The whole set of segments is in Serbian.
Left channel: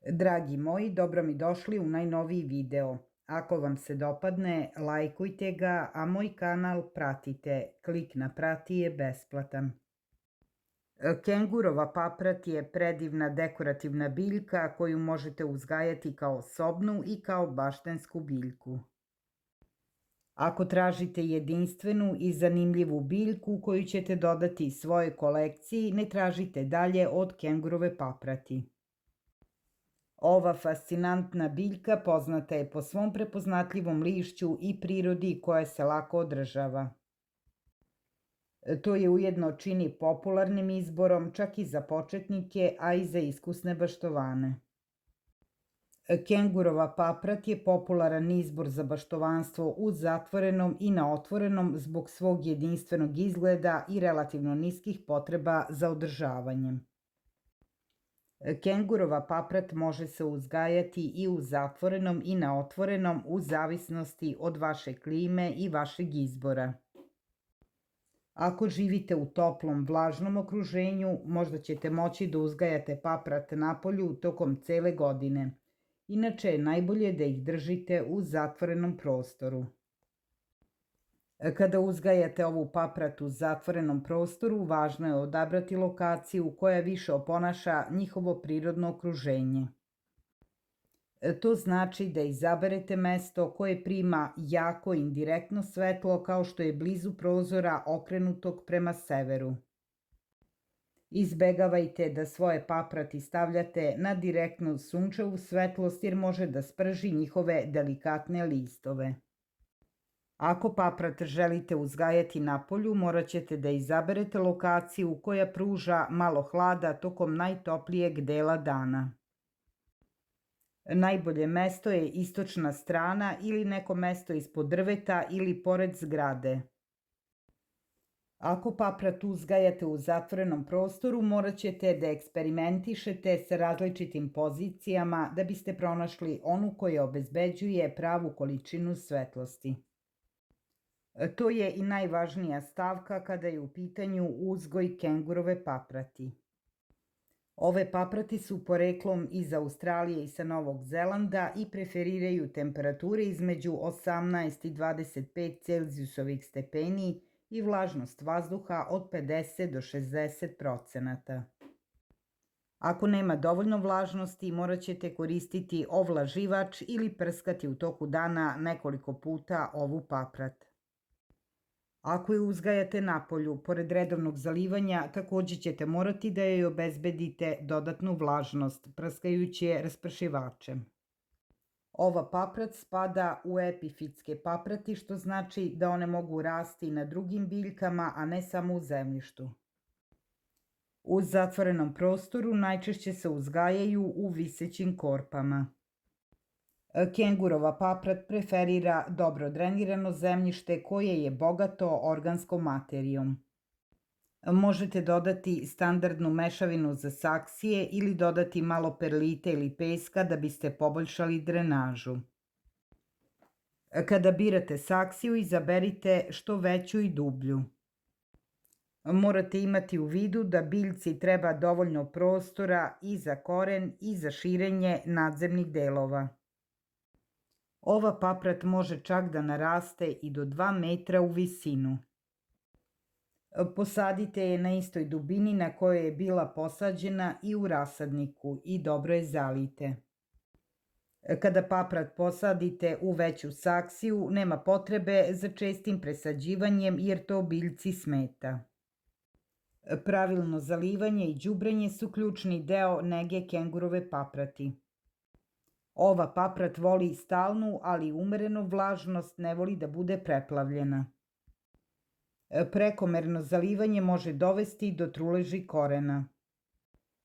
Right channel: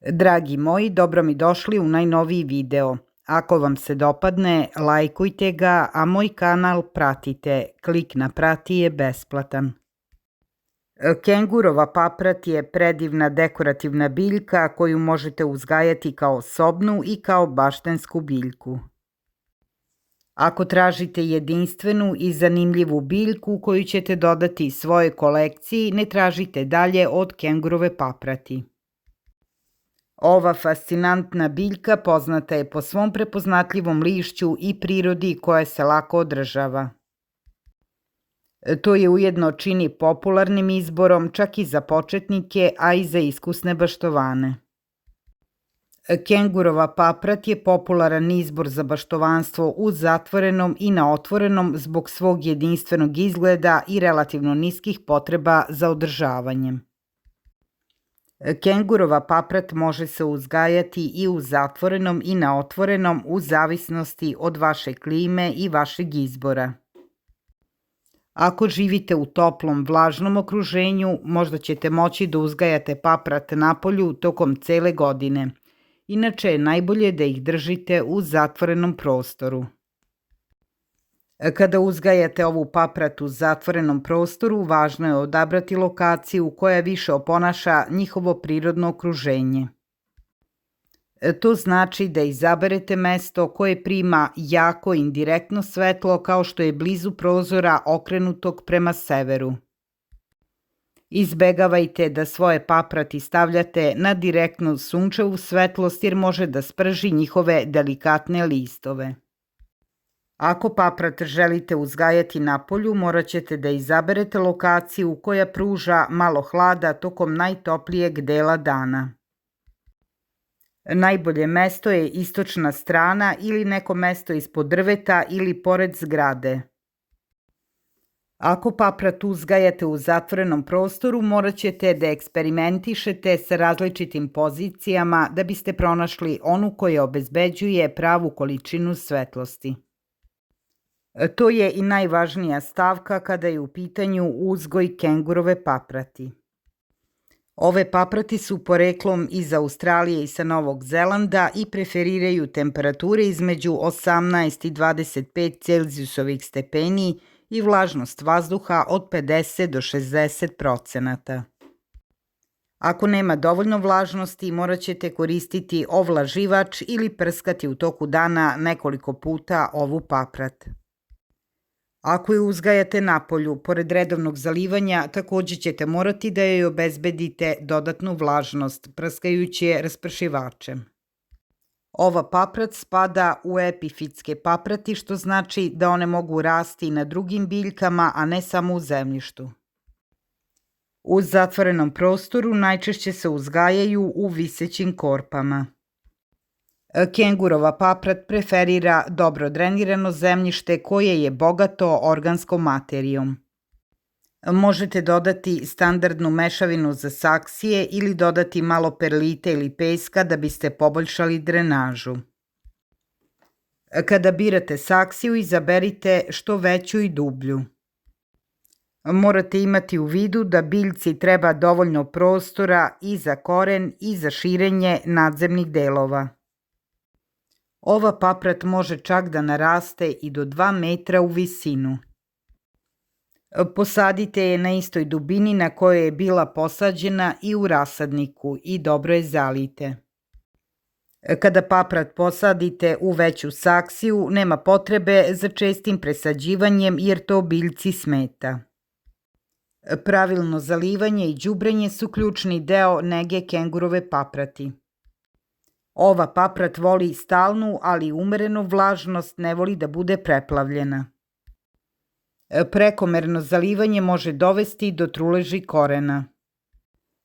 Dragi moji, dobro mi došli u najnoviji video. Ako vam se dopadne, lajkujte ga, a moj kanal pratite. Klik na prati je besplatan. Kengurova paprat je predivna dekorativna biljka koju možete uzgajati kao sobnu i kao baštensku biljku. Ako tražite jedinstvenu i zanimljivu biljku koju ćete dodati svojoj kolekciji, ne tražite dalje od kengurove paprati. Ova fascinantna biljka poznata je po svom prepoznatljivom lišću i prirodi koja se lako održava. To je ujedno čini popularnim izborom čak i za početnike, a i za iskusne baštovane. Kengurova paprat je popularan izbor za baštovanstvo u zatvorenom i na otvorenom zbog svog jedinstvenog izgleda i relativno niskih potreba za održavanjem. Kengurova paprat može se uzgajati i u zatvorenom i na otvorenom u zavisnosti od vaše klime i vašeg izbora. Ako živite u toplom, vlažnom okruženju, možda ćete moći da uzgajate paprat napolju tokom cele godine. Inače je najbolje da ih držite u zatvorenom prostoru. Kada uzgajate ovu paprat u zatvorenom prostoru, važno je odabrati lokaciju koja više oponaša njihovo prirodno okruženje. To znači da izaberete mesto koje prima jako indirektno svetlo kao što je blizu prozora okrenutog prema severu. Izbegavajte da svoje paprati stavljate na direktnu sunčevu svetlost jer može da sprži njihove delikatne listove. Ako paprat želite uzgajati napolju, morat ćete da izaberete lokaciju koja pruža malo hlada tokom najtoplijeg dela dana. Najbolje mesto je istočna strana ili neko mesto ispod drveta ili pored zgrade. Ako paprat uzgajate u zatvorenom prostoru, morat ćete da eksperimentišete sa različitim pozicijama da biste pronašli onu koja obezbeđuje pravu količinu svetlosti. To je i najvažnija stavka kada je u pitanju uzgoj kengurove paprati. Ove paprati su poreklom iz Australije i sa Novog Zelanda i preferiraju temperature između 18 i 25 Celzijusovih stepeni i vlažnost vazduha od 50 do 60%. Ako nema dovoljno vlažnosti, morat ćete koristiti ovlaživač ili prskati u toku dana nekoliko puta ovu paprat. Ako je uzgajate napolju, pored redovnog zalivanja, takođe ćete morati da joj obezbedite dodatnu vlažnost, prskajući je raspršivačem. Ova paprat spada u epifitske paprati, što znači da one mogu rasti na drugim biljkama, a ne samo u zemljištu. U zatvorenom prostoru najčešće se uzgajaju u visećim korpama. Kengurova paprat preferira dobro drenirano zemljište koje je bogato organskom materijom. Možete dodati standardnu mešavinu za saksije ili dodati malo perlite ili peska da biste poboljšali drenažu. Kada birate saksiju, izaberite što veću i dublju. Morate imati u vidu da biljci treba dovoljno prostora i za koren i za širenje nadzemnih delova. Ova paprat može čak da naraste i do 2 metra u visinu. Posadite je na istoj dubini na kojoj je bila posađena i u rasadniku i dobro je zalijte. Kada paprat posadite u veću saksiju, nema potrebe za čestim presađivanjem jer to biljci smeta. Pravilno zalivanje i đubrenje su ključni deo nege kengurove paprati. Ova paprat voli stalnu, ali umerenu vlažnost, ne voli da bude preplavljena. Prekomerno zalivanje može dovesti do truleži korena.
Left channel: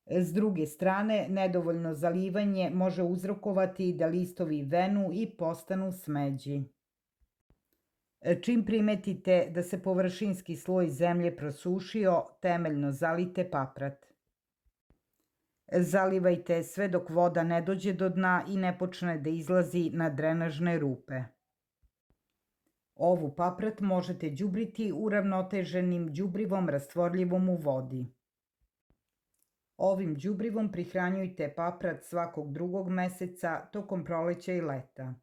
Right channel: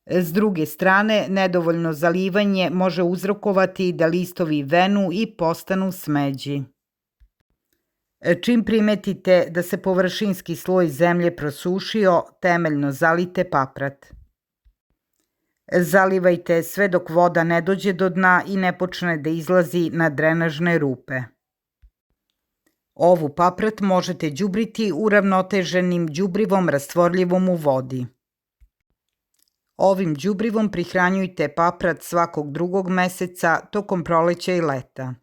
S druge strane, nedovoljno zalivanje može uzrokovati da listovi venu i postanu smeđi. Čim primetite da se površinski sloj zemlje prosušio, temeljno zalijte paprat. Zalivajte sve dok voda ne dođe do dna i ne počne da izlazi na drenažne rupe. Ovu paprat možete đubriti uravnoteženim đubrivom rastvorljivom u vodi. Ovim đubrivom prihranjujte paprat svakog drugog meseca tokom proleća i leta.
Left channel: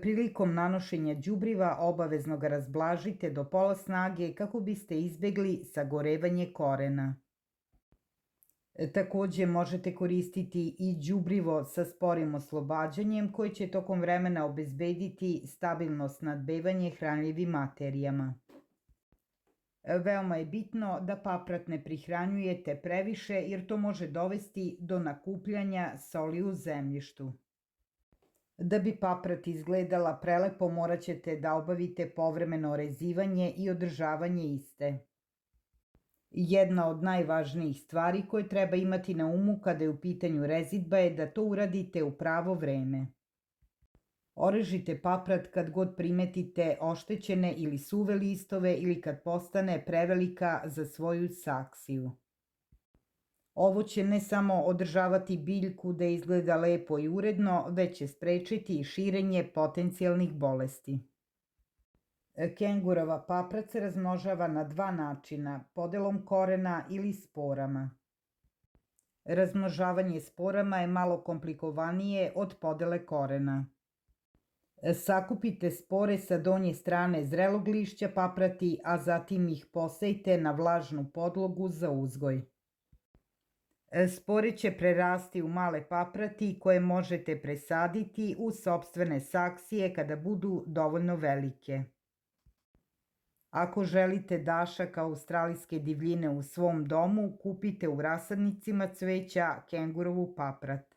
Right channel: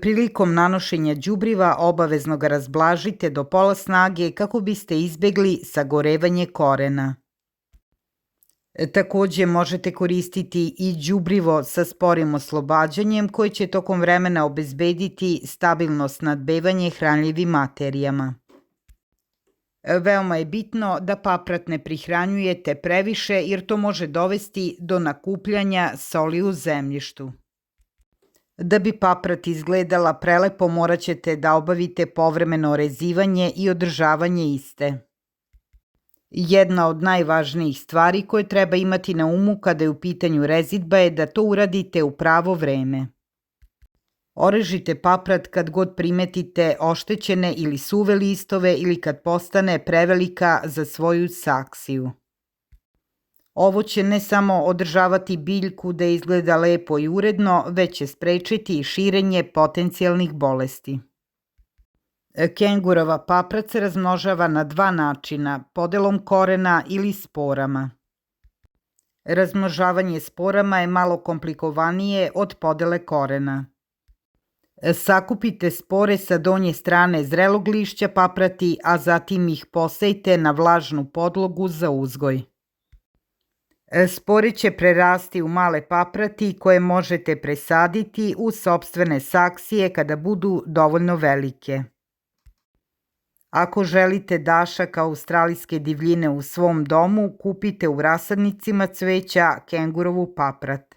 Prilikom nanošenja đubriva obavezno ga razblažite do pola snage kako biste izbegli sagorevanje korena. Takođe možete koristiti i đubrivo sa sporim oslobađanjem koje će tokom vremena obezbediti stabilno snabdevanje hranljivim materijama. Veoma je bitno da paprat ne prihranjujete previše jer to može dovesti do nakupljanja soli u zemljištu. Da bi paprat izgledala prelepo morat ćete da obavite povremeno rezivanje i održavanje iste. Jedna od najvažnijih stvari koje treba imati na umu kada je u pitanju rezidba je da to uradite u pravo vreme. Orežite paprat kad god primetite oštećene ili suve listove ili kad postane prevelika za svoju saksiju. Ovo će ne samo održavati biljku da izgleda lepo i uredno, već će sprečiti i širenje potencijalnih bolesti. Kengurova paprat se razmnožava na dva načina, podelom korena ili sporama. Razmnožavanje sporama je malo komplikovanije od podele korena. Sakupite spore sa donje strane zrelog lišća paprati, a zatim ih posejte na vlažnu podlogu za uzgoj. Spore će prerasti u male paprati koje možete presaditi u sopstvene saksije kada budu dovoljno velike. Ako želite dašak australijske divljine u svom domu, kupite u rasadnicima cveća kengurovu paprat.